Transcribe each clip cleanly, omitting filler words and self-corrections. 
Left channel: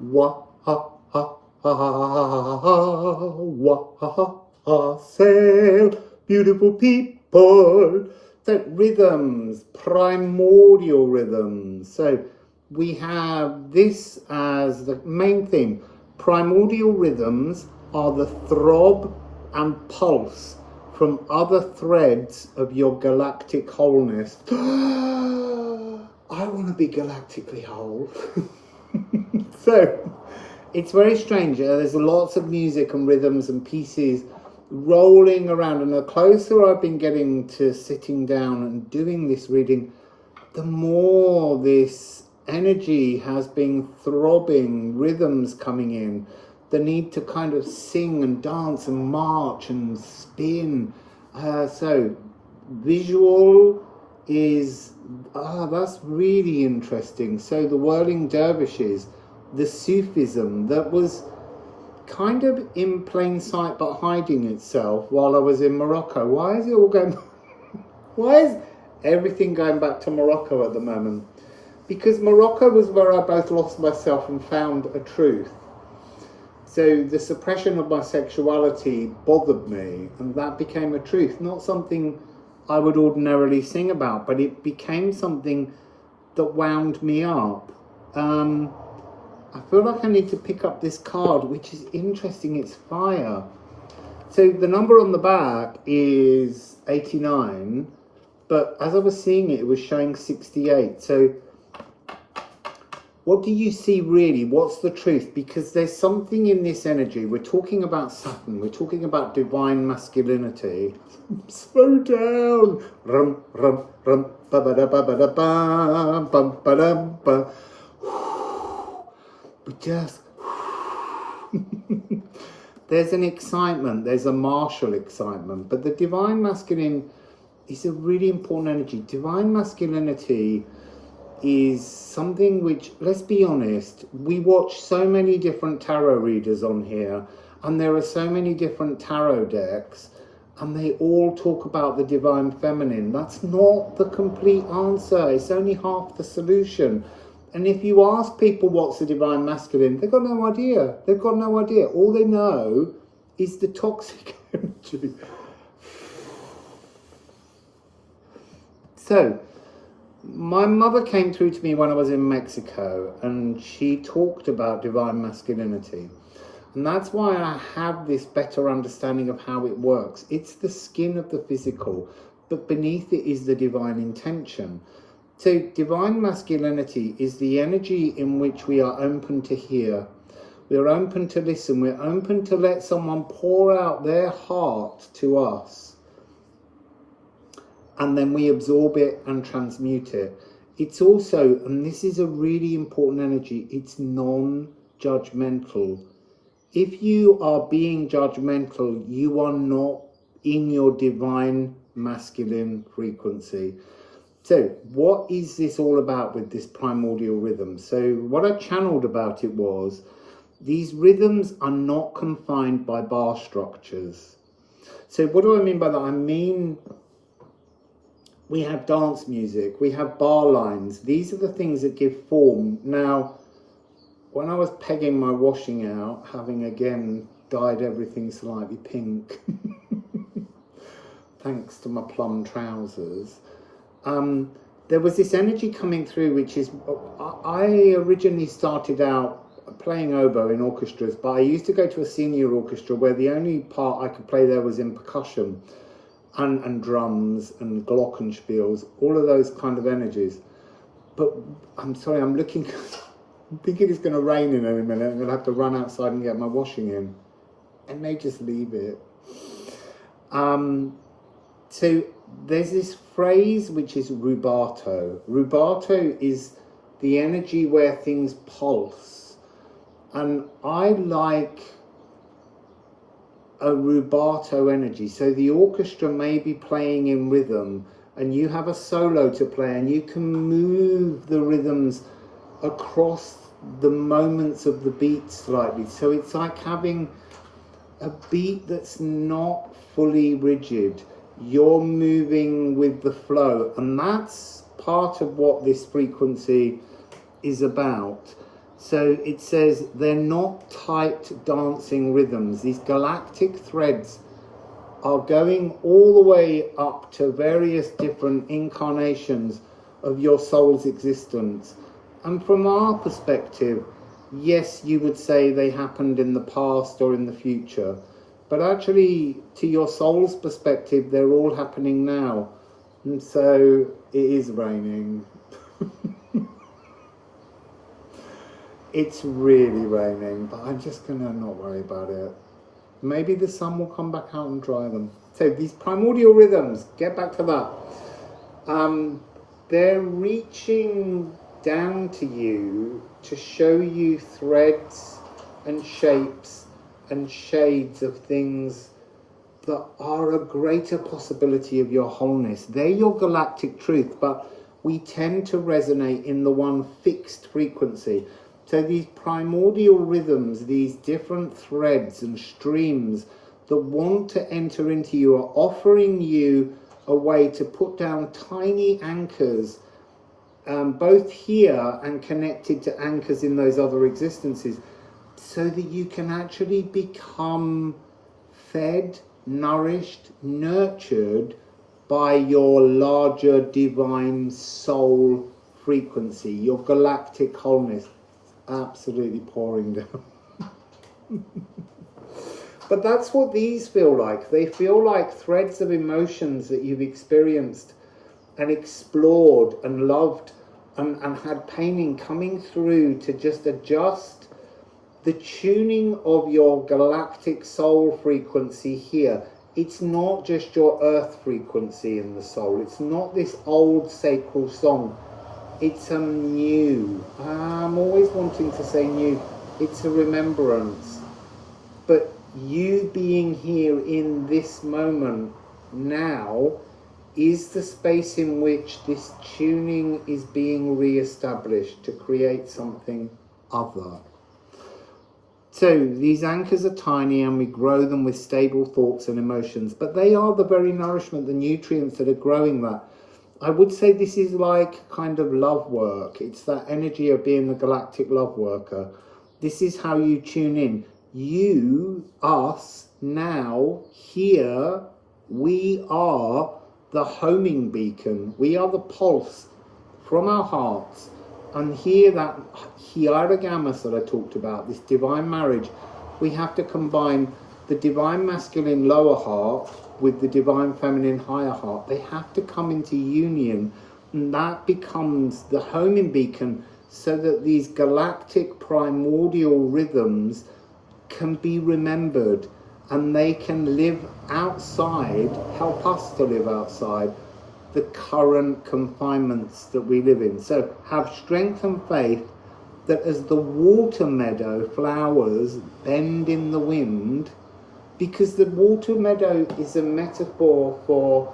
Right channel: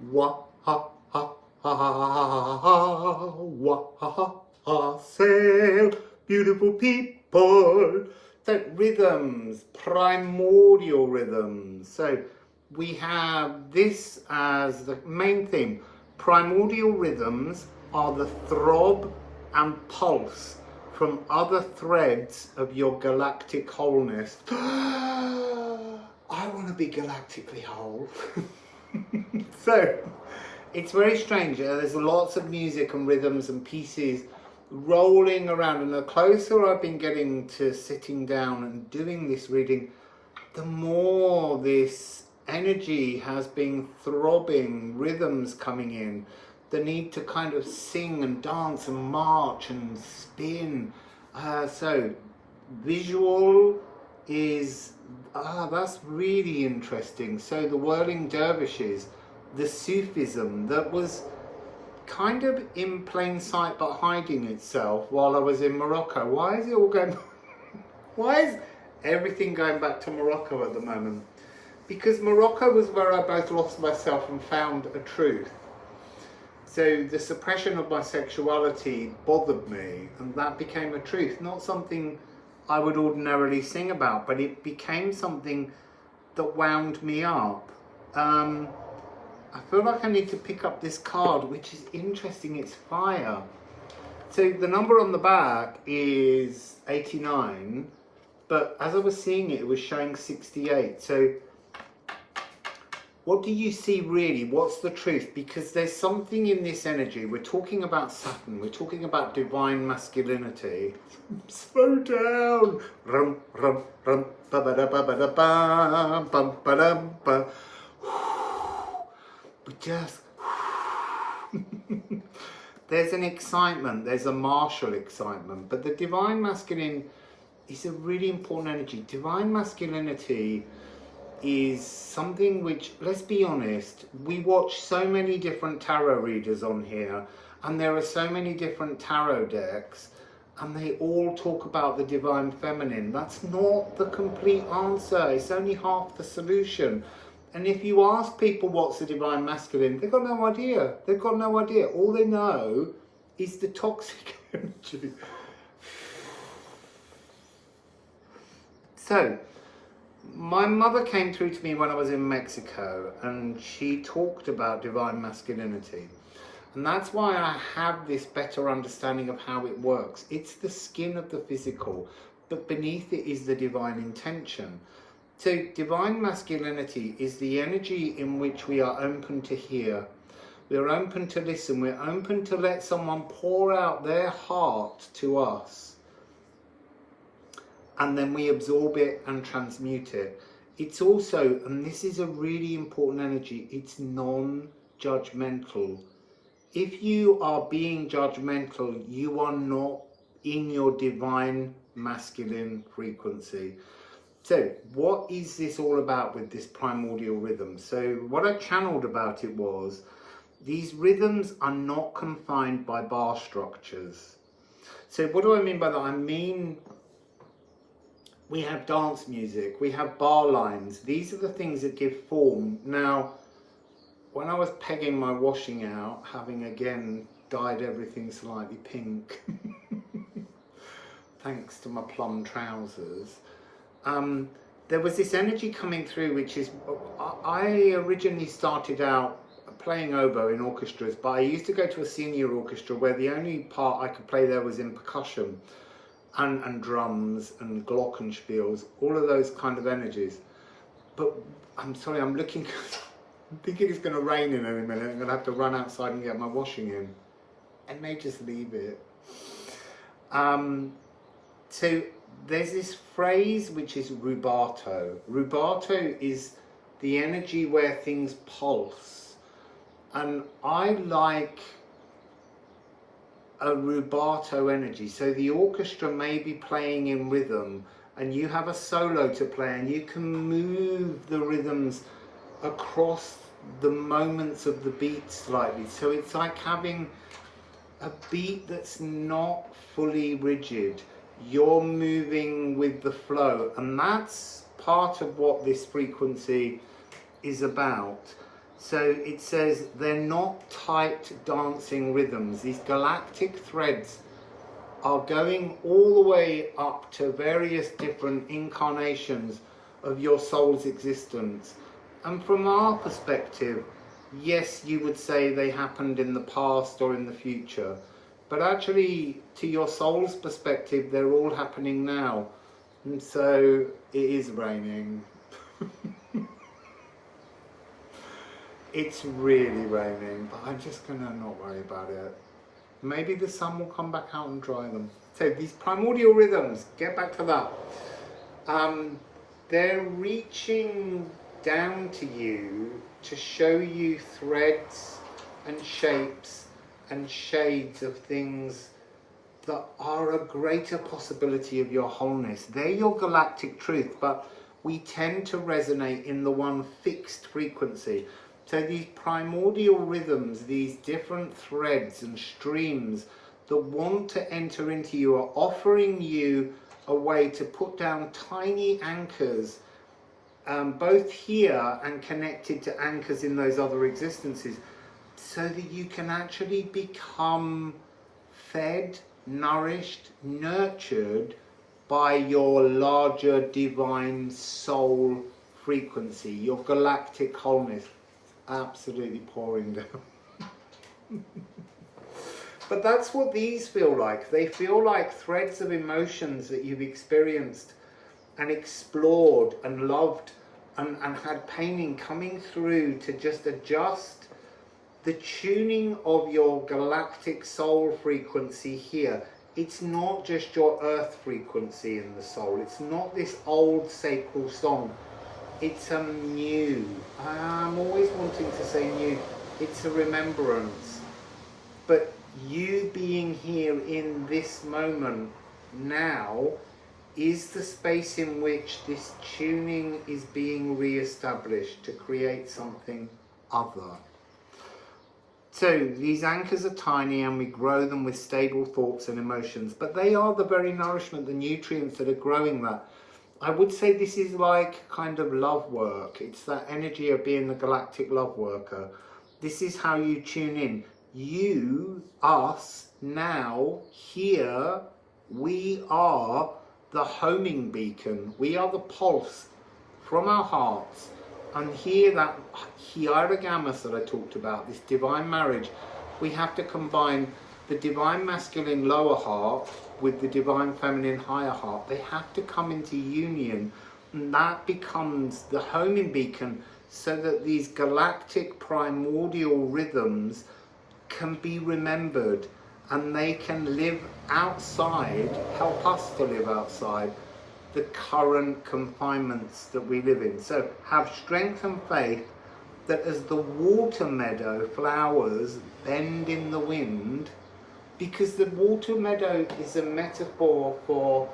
Wassail, beautiful people. So rhythms, primordial rhythms. So we have this as the main theme. Primordial rhythms are the throb and pulse from other threads of your galactic wholeness. I want to be galactically whole. So it's very strange. There's lots of music and rhythms and pieces rolling around, and the closer I've been getting to sitting down and doing this reading, the more this energy has been throbbing, rhythms coming in, the need to kind of sing and dance and march and spin. So visual is, that's really interesting. So the whirling dervishes, the Sufism that was kind of in plain sight but hiding itself while I was in Morocco. Why is it all going why is everything going back to Morocco at the moment? Because Morocco was where I both lost myself and found a truth. So the suppression of my sexuality bothered me, and that became a truth, not something I would ordinarily sing about, but it became something that wound me up. I feel like I need to pick up this card, which is interesting. It's fire. So the number on the back is 89, but as I was seeing it, it was showing 68. So what do you see really? What's the truth? Because there's something in this energy. We're talking about Saturn. We're talking about divine masculinity. Slow down. Rum, rum, rum, ba ba da ba ba da ba, bum ba dum ba. But just there's an excitement, there's a martial excitement, but the divine masculine is a really important energy. Divine masculinity is something which, let's be honest, we watch so many different tarot readers on here, and there are so many different tarot decks, and they all talk about the divine feminine. That's not the complete answer. It's only half the solution. And if you ask people what's the divine masculine, they've got no idea. They've got no idea. All they know is the toxic energy. So, my mother came through to me when I was in Mexico, and she talked about divine masculinity. And that's why I have this better understanding of how it works. It's the skin of the physical, but beneath it is the divine intention. So divine masculinity is the energy in which we are open to hear. We are open to listen. We're open to let someone pour out their heart to us. And then we absorb it and transmute it. It's also, and this is a really important energy, it's non-judgmental. If you are being judgmental, you are not in your divine masculine frequency. So what is this all about with this primordial rhythm? So what I channeled about it was, these rhythms are not confined by bar structures. So what do I mean by that? I mean, we have dance music, we have bar lines. These are the things that give form. Now, when I was pegging my washing out, having again dyed everything slightly pink, thanks to my plum trousers, there was this energy coming through, which is, I originally started out playing oboe in orchestras, but I used to go to a senior orchestra where the only part I could play there was in percussion and drums and glockenspiels, all of those kind of energies. But I'm sorry, I'm thinking it's going to rain in a minute. I'm going to have to run outside and get my washing in. I may just leave it. So there's this phrase which is rubato. Rubato is the energy where things pulse. And I like a rubato energy. So the orchestra may be playing in rhythm and you have a solo to play and you can move the rhythms across the moments of the beat slightly. So it's like having a beat that's not fully rigid. You're moving with the flow, and that's part of what this frequency is about. So it says they're not tight dancing rhythms. These galactic threads are going all the way up to various different incarnations of your soul's existence. And from our perspective, yes, you would say they happened in the past or in the future, but actually, to your soul's perspective, they're all happening now. And so it is raining. It's really raining, but I'm just gonna not worry about it. Maybe the sun will come back out and dry them. So these primordial rhythms, get back to that. They're reaching down to you to show you threads and shapes and shades of things that are a greater possibility of your wholeness. They're your galactic truth, but we tend to resonate in the one fixed frequency. So these primordial rhythms, these different threads and streams that want to enter into you, are offering you a way to put down tiny anchors, both here and connected to anchors in those other existences, so that you can actually become fed, nourished, nurtured by your larger divine soul frequency, your galactic wholeness. Absolutely pouring down. But that's what these feel like. They feel like threads of emotions that you've experienced and explored and loved and had pain coming through to just adjust the tuning of your galactic soul frequency here. It's not just your earth frequency in the soul. It's not this old sacral song. It's a new. I'm always wanting to say new. It's a remembrance. But you being here in this moment now is the space in which this tuning is being re-established to create something other. So these anchors are tiny and we grow them with stable thoughts and emotions, but they are the very nourishment, the nutrients that are growing that. I would say this is like kind of love work. It's that energy of being the galactic love worker. This is how you tune in. You, us, now, here, we are the homing beacon. We are the pulse from our hearts. And here, that hierogamos that I talked about, this divine marriage, we have to combine the divine masculine lower heart with the divine feminine higher heart. They have to come into union, and that becomes the homing beacon, so that these galactic primordial rhythms can be remembered and they can live outside, help us to live outside the current confinements that we live in. So have strength and faith that as the water meadow flowers bend in the wind, because the water meadow is a metaphor for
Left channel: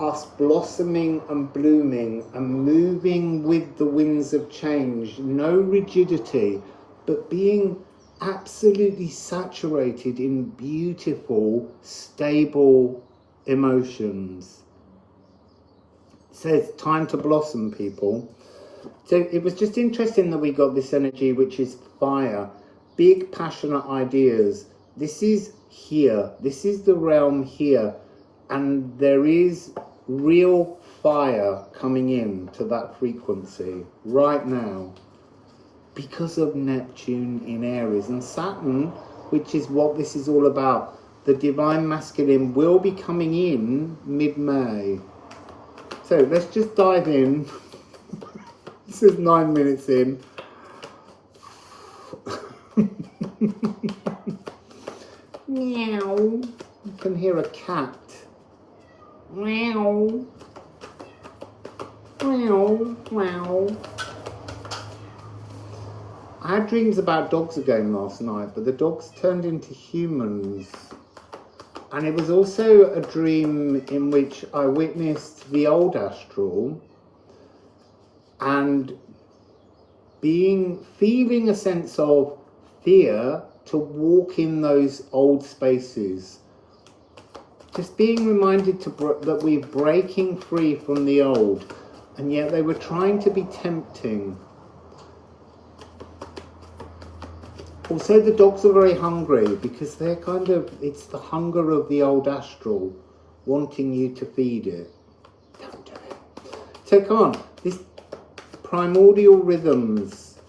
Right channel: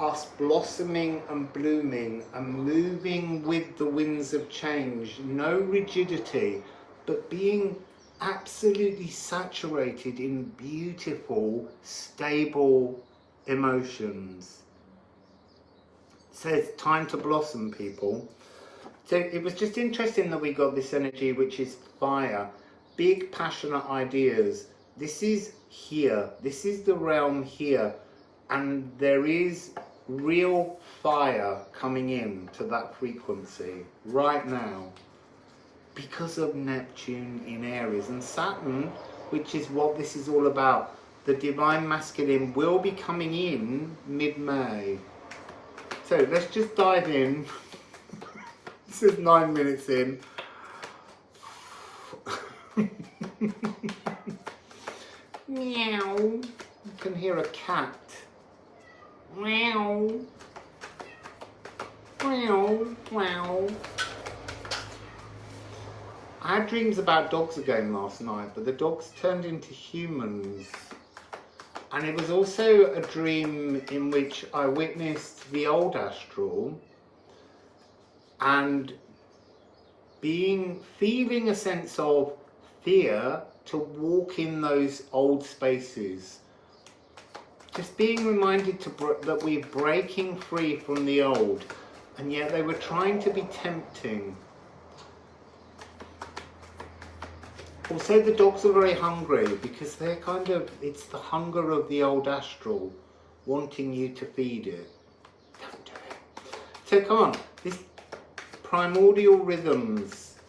us blossoming and blooming and moving with the winds of change. No rigidity, but being absolutely saturated in beautiful, stable emotions. So it's time to blossom, people. So it was just interesting that we got this energy, which is fire, big passionate ideas. This is here, this is the realm here, and there is real fire coming in to that frequency right now because of Neptune in Aries. And Saturn, which is what this is all about, the divine masculine, will be coming in mid-May. So let's just dive in. This is 9 minutes in. Meow. You can hear a cat. Meow. Meow. Meow. I had dreams about dogs again last night, but the dogs turned into humans. And it was also a dream in which I witnessed the old astral and feeling a sense of fear to walk in those old spaces. Just being reminded that we're breaking free from the old, and yet they were trying to be tempting. Also, the dogs are very hungry because they're kind of, it's the hunger of the old astral wanting you to feed it. Don't do it. Take on this primordial rhythms,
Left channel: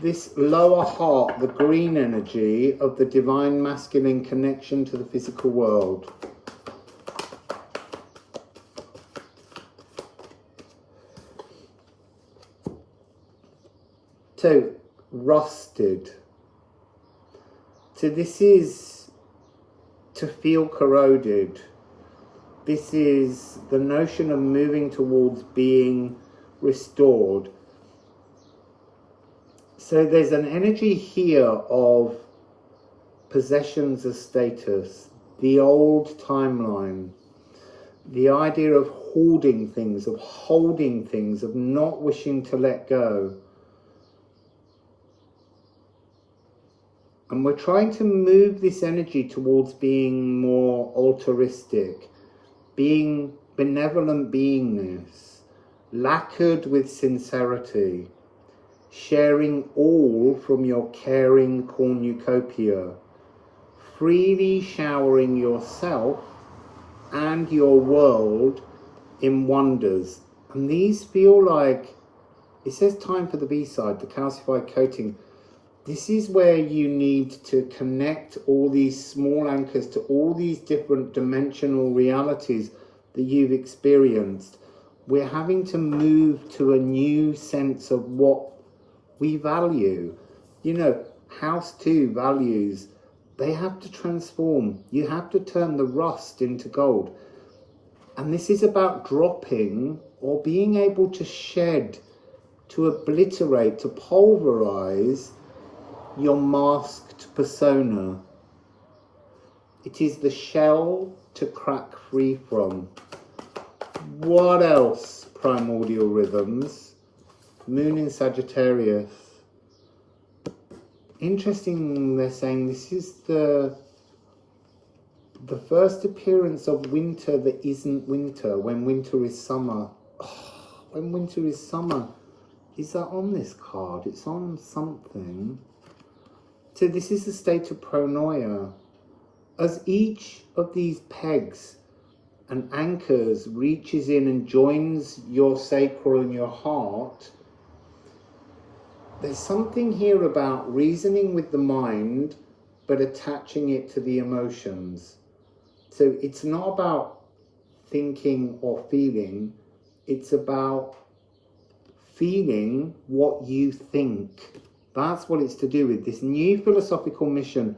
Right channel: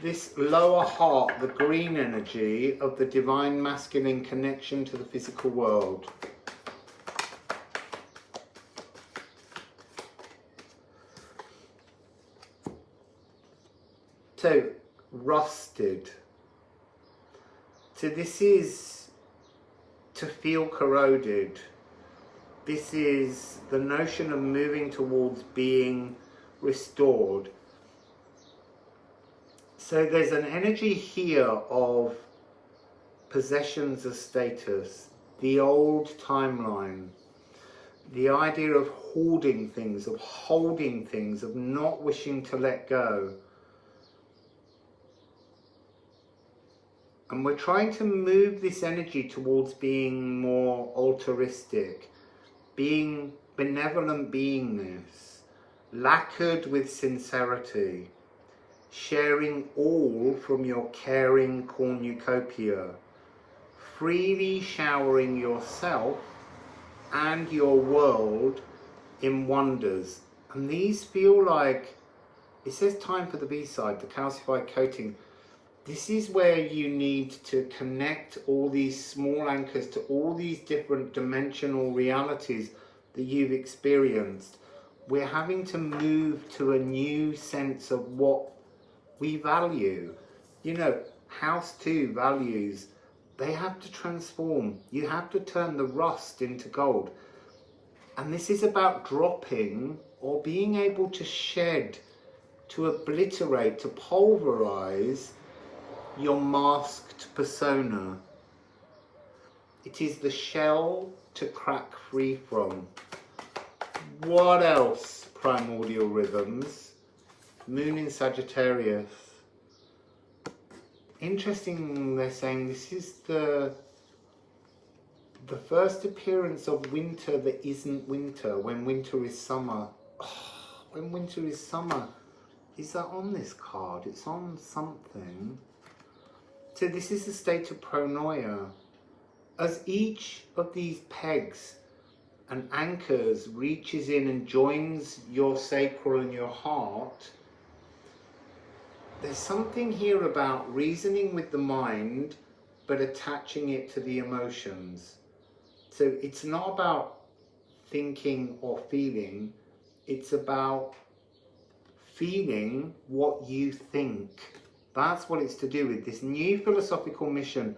this lower heart, the green energy of the divine masculine connection to the physical world. So, rusted. So this is to feel corroded. This is the notion of moving towards being restored. So there's an energy here of possessions as status, the old timeline, the idea of hoarding things, of holding things, of not wishing to let go. And we're trying to move this energy towards being more altruistic, being benevolent beingness, lacquered with sincerity, sharing all from your caring cornucopia, freely showering yourself and your world in wonders. And these feel like, it says time for the B-side, the calcified coating. This is where you need to connect all these small anchors to all these different dimensional realities that you've experienced. We're having to move to a new sense of what we value. You know, house 2 values, they have to transform. You have to turn the rust into gold. And this is about dropping or being able to shed, to obliterate, to pulverize your masked persona. It is the shell to crack free from. What else? Primordial rhythms. Moon in Sagittarius. Interesting, they're saying this is the first appearance of winter that isn't winter, when winter is summer. Oh, when winter is summer. Is that on this card? It's on something. So this is a state of pronoia. As each of these pegs and anchors reaches in and joins your sacral and your heart, there's something here about reasoning with the mind, but attaching it to the emotions. So it's not about thinking or feeling, it's about feeling what you think. That's what it's to do with. This new philosophical mission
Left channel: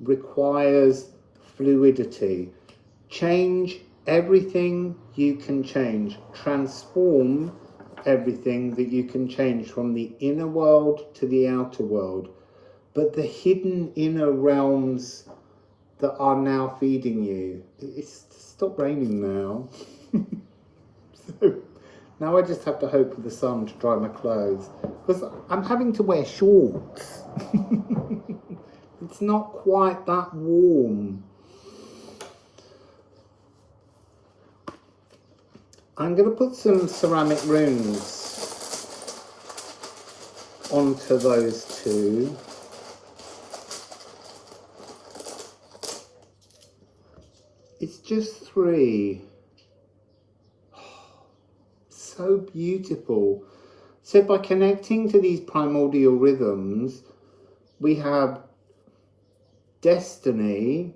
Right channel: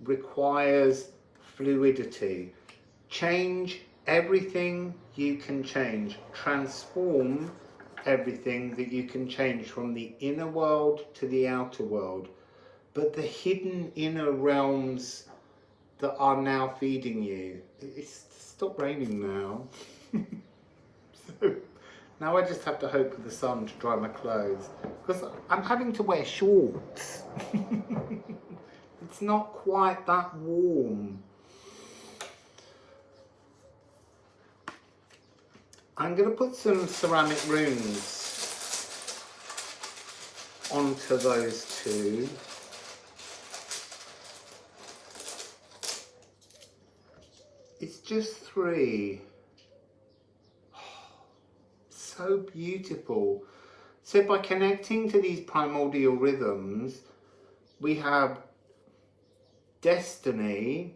requires fluidity. Change everything you can change. Transform everything that you can change, from the inner world to the outer world. But the hidden inner realms that are now feeding you. It's stopped raining now. So now I just have to hope for the sun to dry my clothes, because I'm having to wear shorts. It's not quite that warm. I'm going to put some ceramic runes onto those two. It's just 3. So beautiful. So by connecting to these primordial rhythms, we have destiny,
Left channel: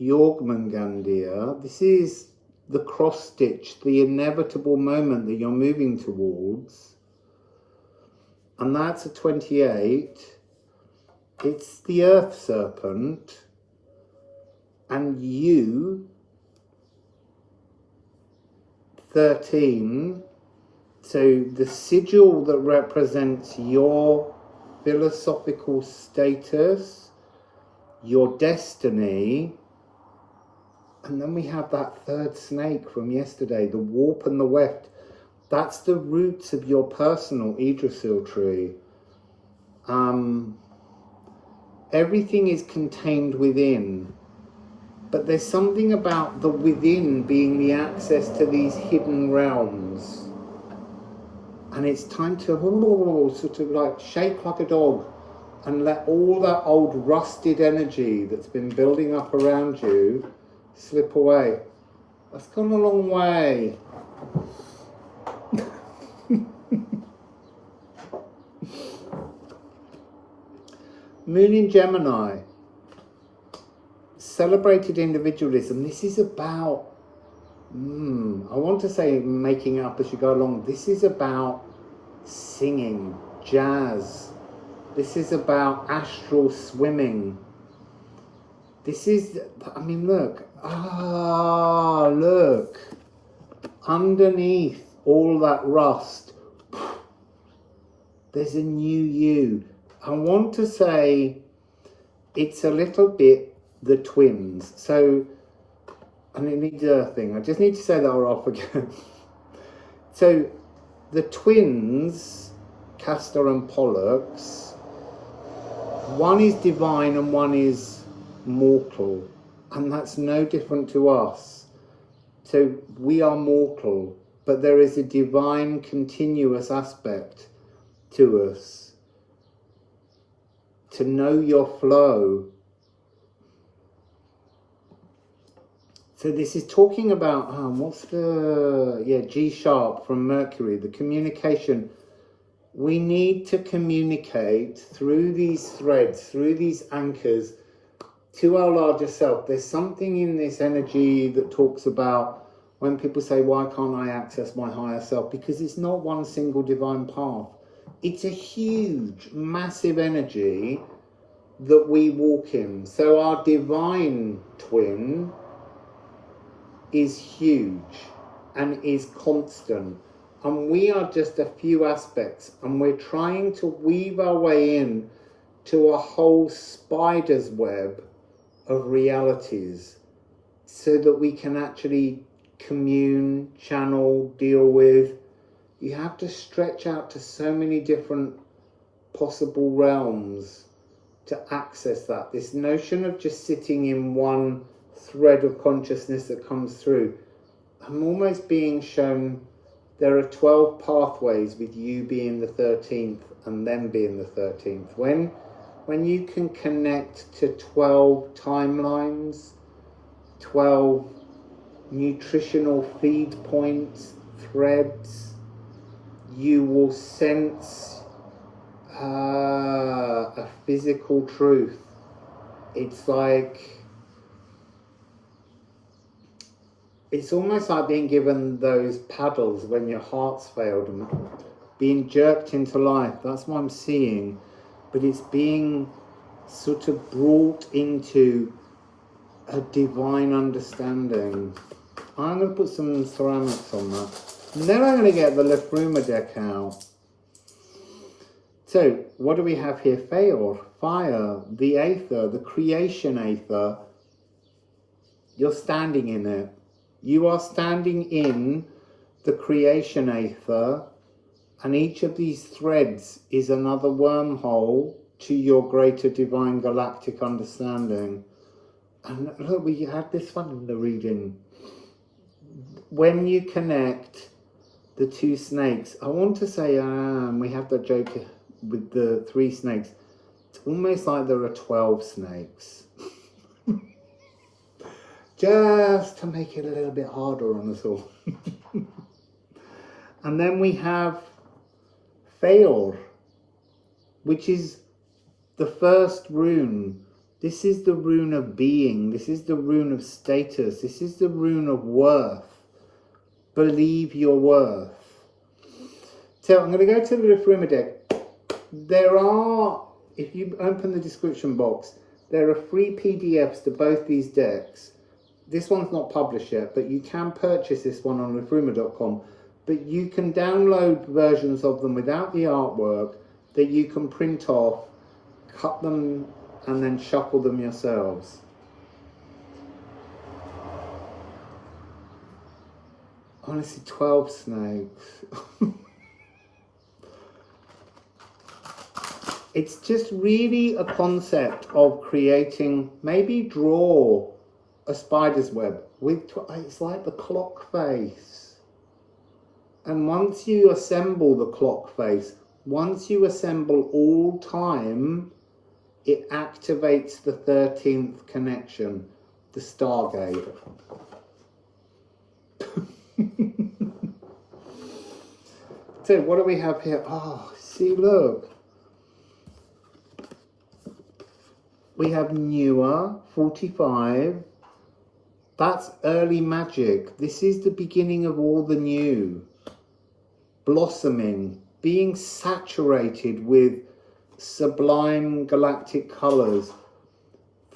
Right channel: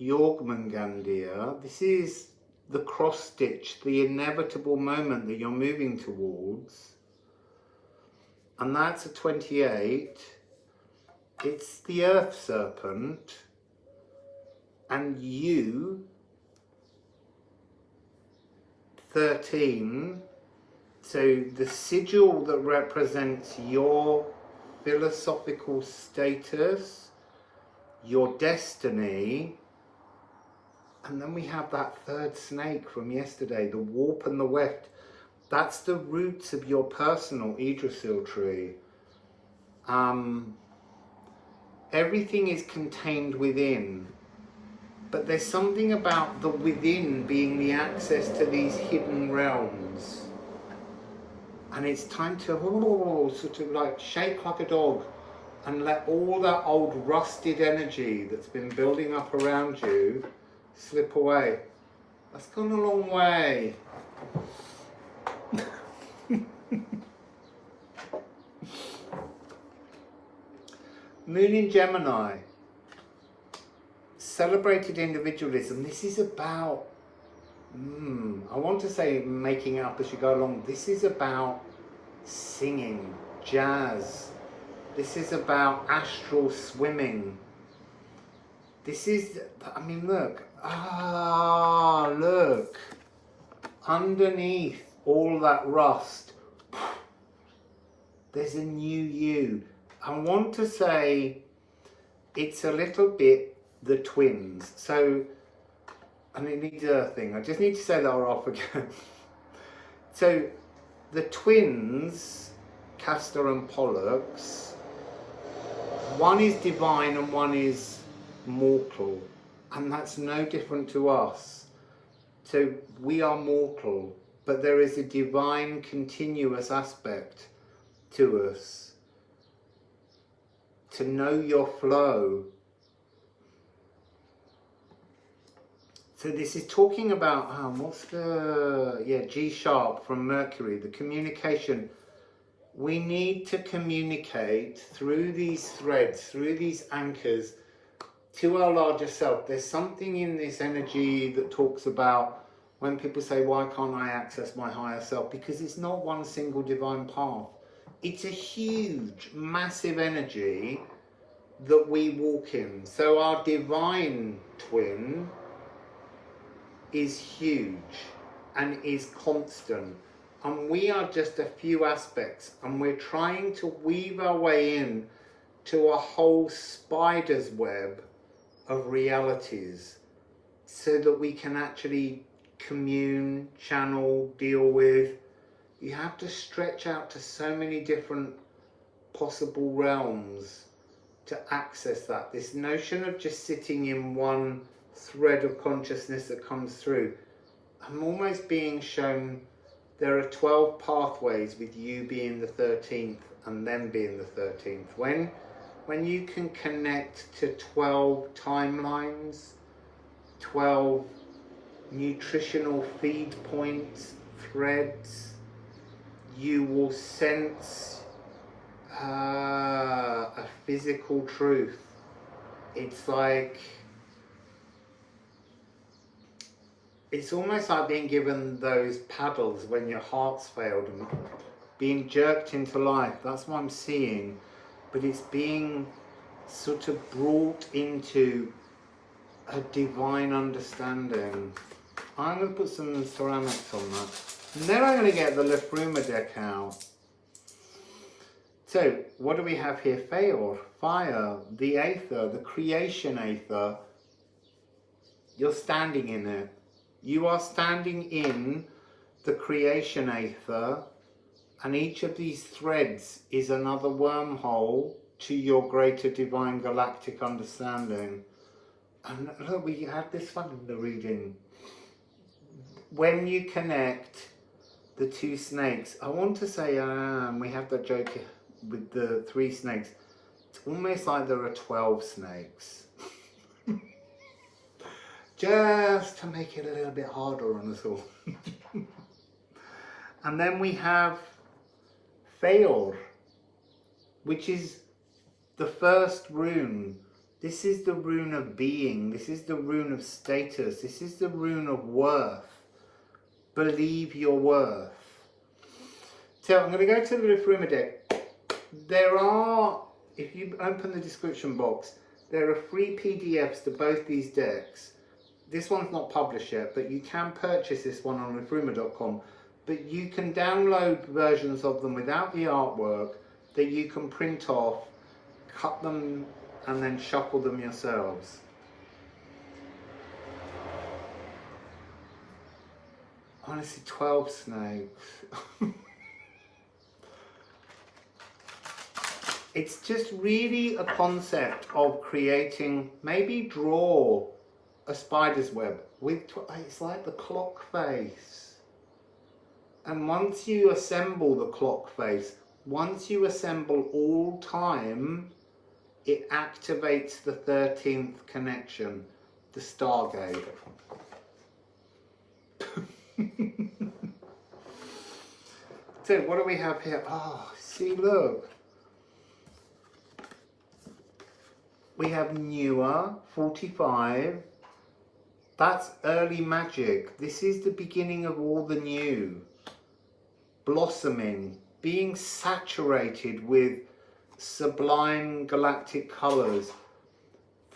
Jormungandr. This is the cross stitch, the inevitable moment that you're moving towards. And that's a 28. It's the earth serpent. And you, 13. So the sigil that represents your philosophical status, your destiny. And then we have that 3rd snake from yesterday, the warp and the weft. That's the roots of your personal Yggdrasil tree. Everything is contained within. But there's something about the within being the access to these hidden realms. And it's time to sort of like shake like a dog and let all that old rusted energy that's been building up around you slip away. That's gone a long way. Moon in Gemini, celebrated individualism. This is about, I want to say making up as you go along. This is about singing, jazz. This is about astral swimming. This is, I mean, look. Look. Underneath all that rust, there's a new you. I want to say it's a little bit the twins. So, and it needs a thing. I just need to say that we're off again. So, the twins, Castor and Pollux, one is divine and one is mortal. And that's no different to us. So, we are mortal, but there is a divine continuous aspect to us. To know your flow. So this is talking about, what's the, G sharp from Mercury, the communication. We need to communicate through these threads, through these anchors to our larger self. There's something in this energy that talks about when people say, why can't I access my higher self? Because it's not one single divine path. It's a huge, massive energy that we walk in. So our divine twin is huge and is constant. And we are just a few aspects. And we're trying to weave our way in to a whole spider's web of realities so that we can actually commune, channel, deal with. You have to stretch out to so many different possible realms to access that. This notion of just sitting in one thread of consciousness that comes through. I'm almost being shown there are 12 pathways with you being the 13th and them being the 13th. When you can connect to 12 timelines, 12 nutritional feed points, threads, you will sense a physical truth. It's like, it's almost like being given those paddles when your heart's failed and being jerked into life. That's what I'm seeing. But it's being sort of brought into a divine understanding. I'm going to put some ceramics on that. And then I'm going to get the Liffruma deck out. So, what do we have here? Fire, the Aether, the creation Aether. You're standing in it. You are standing in the creation Aether, and each of these threads is another wormhole to your greater divine galactic understanding. And look, we had this fun in the reading. When you connect the two snakes, I want to say, we have that joke with the 3 snakes. It's almost like there are 12 snakes. Just to make it a little bit harder on us all. And then we have Fail, which is the first rune. This is the rune of being. This is the rune of status. This is the rune of worth. Believe your worth. So I'm going to go to the Liffruma deck. There are, if you open the description box, there are free PDFs to both these decks. This one's not published yet, but you can purchase this one on liffruma.com. But you can download versions of them without the artwork that you can print off, cut them, and then shuffle them yourselves. Honestly, 12 snakes. It's just really a concept of creating, maybe draw a spider's web with, it's like the clock face. And once you assemble the clock face, once you assemble all time it activates the 13th connection, the Stargate. So what do we have here? Oh, see, look. We have newer, 45. That's early magic. This is the beginning of all the new. Blossoming, being saturated with sublime galactic colours.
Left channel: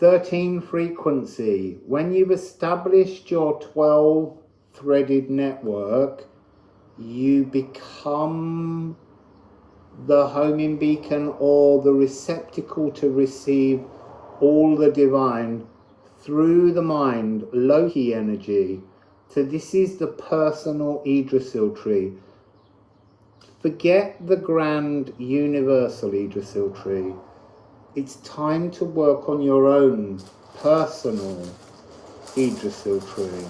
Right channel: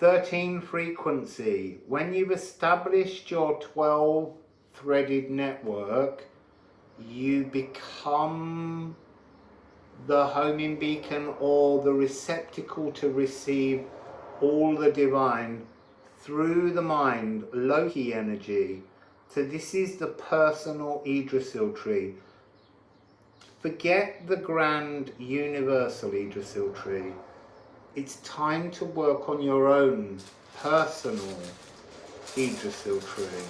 13 frequency. When you've established your 12 threaded network, you become the homing beacon or the receptacle to receive all the divine through the mind, Loki energy. So this is the personal Yggdrasil tree. Forget the grand universal Yggdrasil tree. It's time to work on your own personal Yggdrasil tree.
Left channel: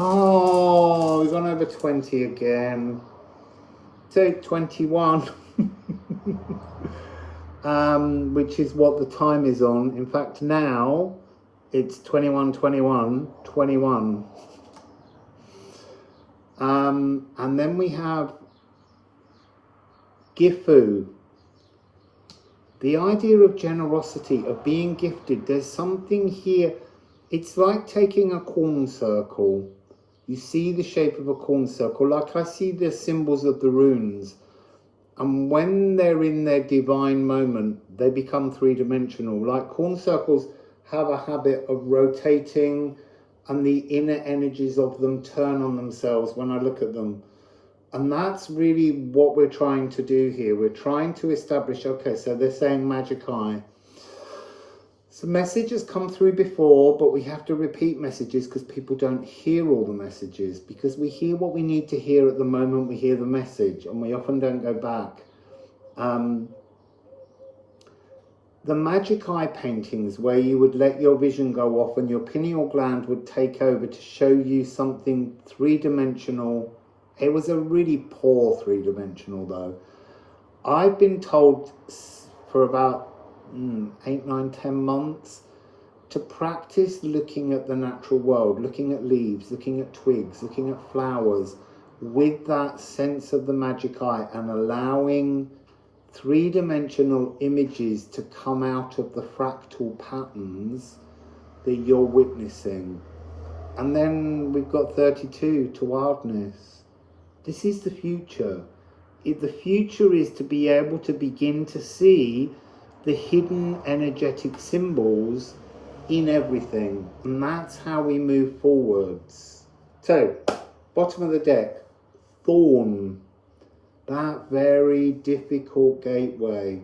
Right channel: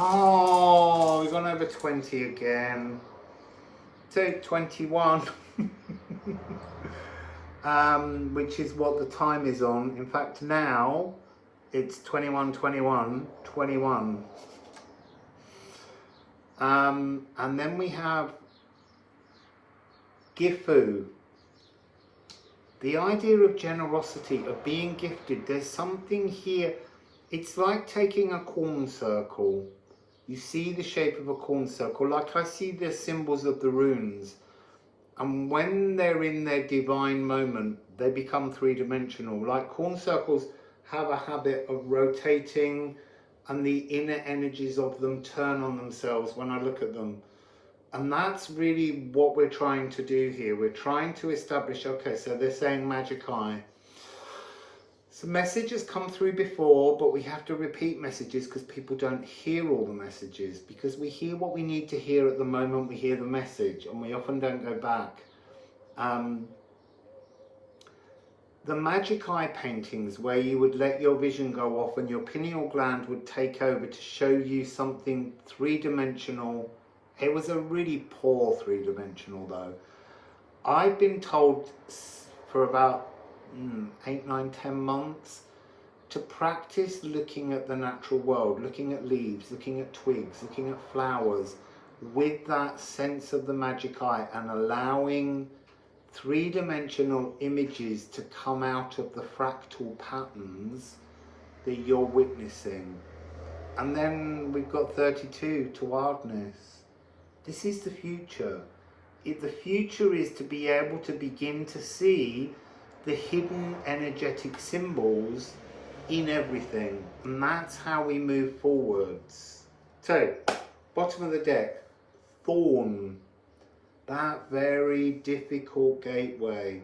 Oh, we've gone over 20 again. So 21, which is what the time is on. In fact, now it's 21, 21, 21. And then we have Gifu. The idea of generosity, of being gifted. There's something here. It's like taking a corn circle. You see the shape of a corn circle, like I see the symbols of the runes. And when they're in their divine moment, they become three-dimensional. Like corn circles have a habit of rotating, and the inner energies of them turn on themselves when I look at them. And that's really what we're trying to do here. We're trying to establish, okay, so they're saying magic eye. So message has come through before, but we have to repeat messages because people don't hear all the messages, because we hear what we need to hear at the moment we hear the message, and we often don't go back. The magic eye paintings, where you would let your vision go off and your pineal gland would take over to show you something three-dimensional. It was a really poor three-dimensional though. I've been told for about 8, 9, 10 months to practice looking at the natural world, looking at leaves, looking at twigs, looking at flowers with that sense of the magic eye, and allowing three-dimensional images to come out of the fractal patterns that you're witnessing. And then we've got 32 to hardness. This is the future. The future is to be able to begin to see the hidden energetic symbols in everything, and that's how we move forwards. So, bottom of the deck, Thorn, that very difficult gateway.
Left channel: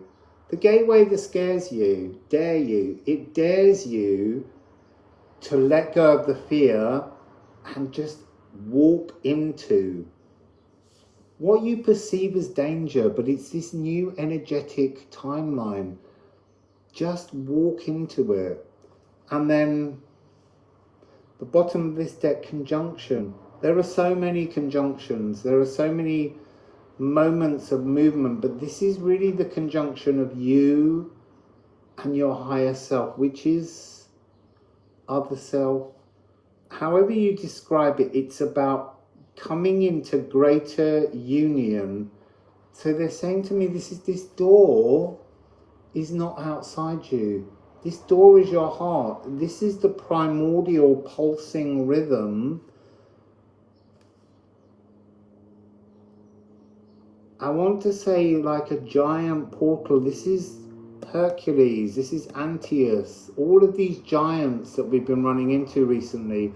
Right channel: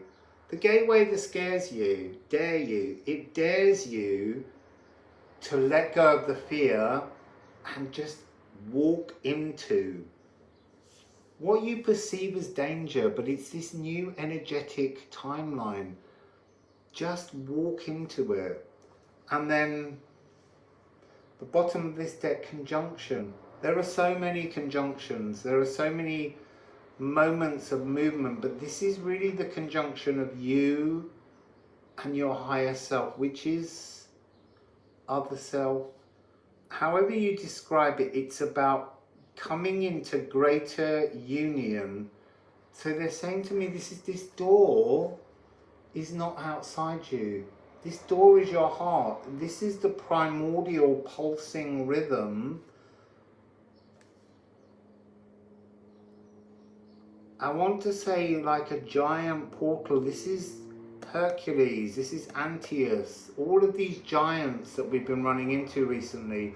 The gateway that scares you, it dares you to let go of the fear and just walk into what you perceive as danger, but it's this new energetic timeline. Just walk into it. And then the bottom of this deck, conjunction. There are so many conjunctions. There are so many moments of movement, but this is really the conjunction of you and your higher self, which is other self. However you describe it, it's about coming into greater union. So they're saying to me, this door is not outside you. This door is your heart. This is the primordial pulsing rhythm. I want to say like a giant portal. This is Hercules. This is Antaeus. All of these giants that we've been running into recently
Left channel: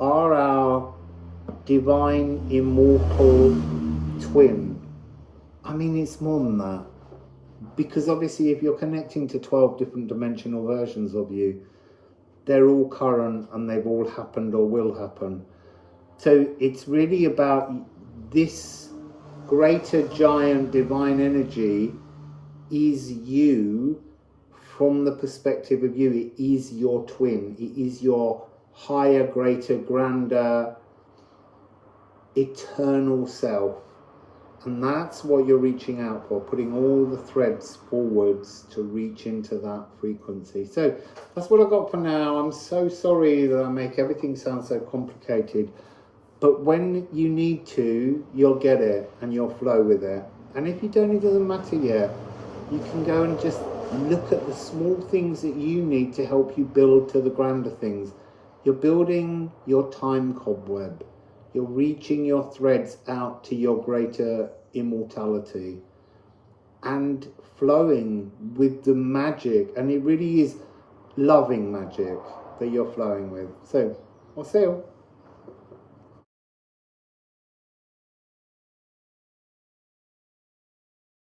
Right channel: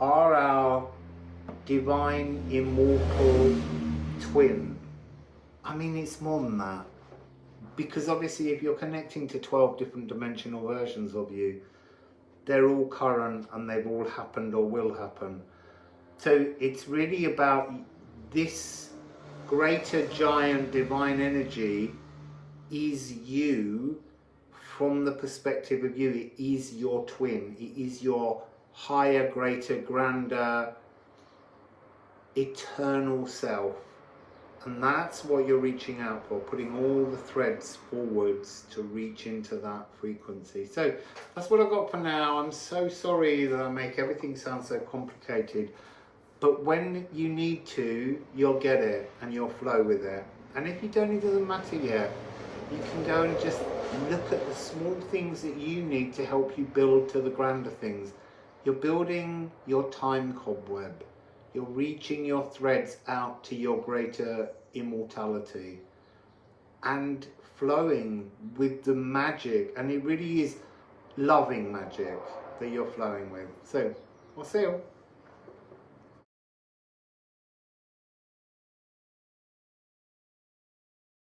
are our divine immortal twin. I mean, it's more than that. Because obviously if you're connecting to 12 different dimensional versions of you, they're all current and they've all happened or will happen. So it's really about this greater giant divine energy is you from the perspective of you. It is your twin. It is your higher, greater, grander, eternal self. And that's what you're reaching out for, putting all the threads forwards to reach into that frequency. So that's what I've got for now. I'm so sorry that I make everything sound so complicated, but when you need to, you'll get it and you'll flow with it. And if you don't, it doesn't matter yet. You can go and just look at the small things that you need to help you build to the grander things. You're building your time cobweb. You're reaching your threads out to your greater immortality and flowing with the magic. And it really is loving magic that you're flowing with. So, Wassail.